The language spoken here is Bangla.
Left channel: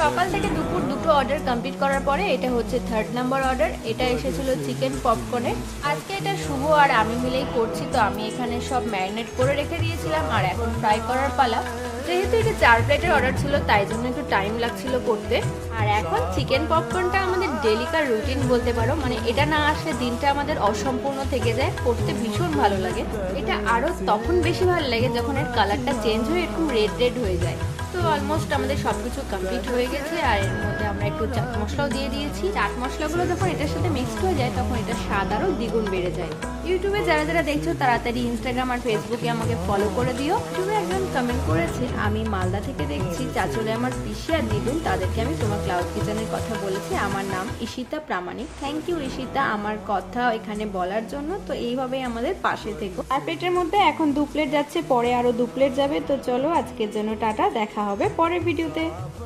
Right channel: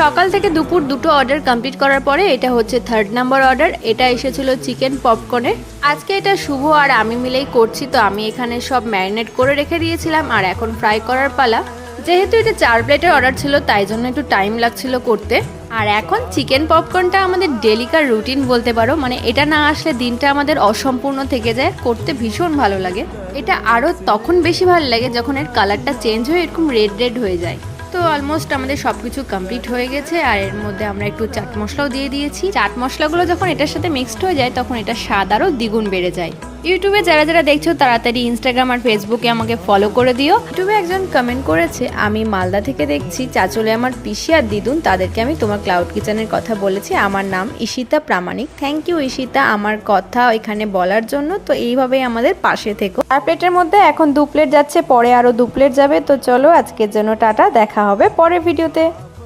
সকাল থেকে দুপুর দুটো অর্ডার কমপ্লিট করার পরে এটা হচ্ছে 3rd নাম্বার অর্ডার। এটা এসেছিল চিকেন পপকর্নের। আজকে এটা শুভ আর আমি মিলেই করছি, তো আমি এখানে সব ম্যারিনেট করে রেখে দিয়েছিলাম আর এখন ফ্রাই করার পালা। যেহেতু এটা 4 প্লেটের অর্ডার ছিল তাই জন্য একটু টাইম লাগছিল করতে। আর এখন চিকেন পপকর্নটা আমাদের ডেলিকার রুটিন বলতে পারো, মানে এটা না আসলে দিনটা আমাদের অসম্পূর্ণ থেকে যায়। করতে ভীষণ ভালো লাগে। এটা আরও তখন বেশি ভালো লাগে যখন এর কালারটা চেঞ্জ হয়ে এরকম রেড রেড হয়ে যায়। তো অলমোস্ট আমাদের সব কিছু কমপ্লিট হয়ে গেছে আর এর মধ্যে আমরা একটু চাট মশলাও দিয়ে দিয়েছি। চাট মশলাগুলো যখন এটার সাথে মিক্সড হয়ে যায় তখন এটা স্বাদ আরও দ্বিগুণ বেড়ে যায়। ইউটিউবে যারা যারা দেখছো তাড়াতাড়ি ইনস্টাগ্রাম আর ফেসবুকে আমাকে ফলো করে দিও। ইউটিউবে একজন কমেন্ট করেছে, আমি মালদা থেকে দেখছি, চাচলে আমার পিসি আর দিদুন, তাদেরকে আমি তোমার ক্লাউড কিচেনের কথা বলেছি। আমার নাম ঈশিতা প্রামাণিক। থ্যাংক ইউ ঈশিতা আমার কথা এখানে বলার জন্য। তো এইভাবেই আমাদের পাশে থেকো। 4 প্লেটের মধ্যে এখন 2 প্লেট যাচ্ছে, পরে আরও 2 প্লেট যাবে। তো চলো আজকের জন্য টাটা, দেখা হবে পরের ভিডিওতে।